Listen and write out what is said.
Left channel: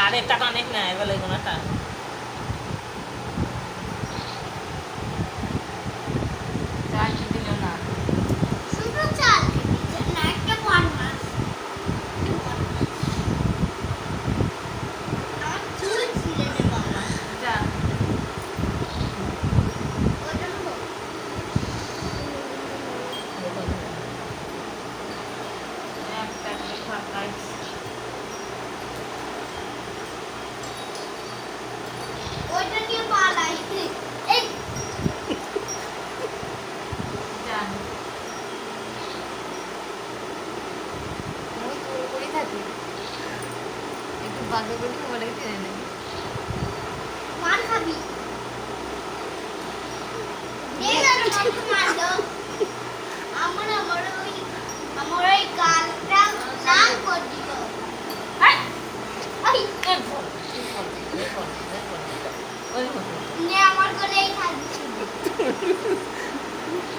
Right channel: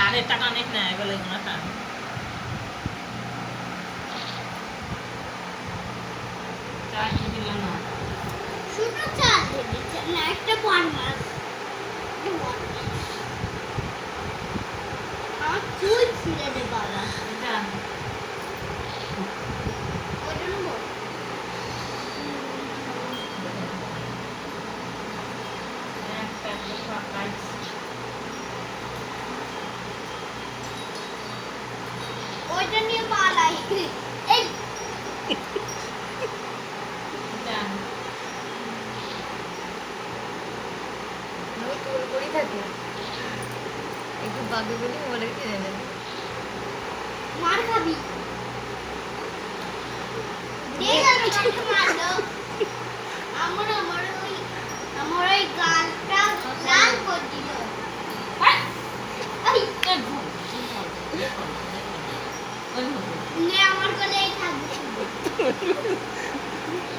আরে টাকা অনেক নেয় বলে কোনো টাকা চাকরি দিল না শুধু চাল দিচ্ছে না একটা বন মাছ আমার চুল ছিঁড়ে দে বাবা যা ওইটা নেবো একটা খাই ওইটা নিয়ে পালাই এই যা আমি গোল করেই থাকি একটু বাগে বলি মোবাইলে কিনে নেবে মার খাবি দেখ না আমাকে মার দাও আমার ওই গালটা লাল করে দিল এই নে আমার গলেই থাকবে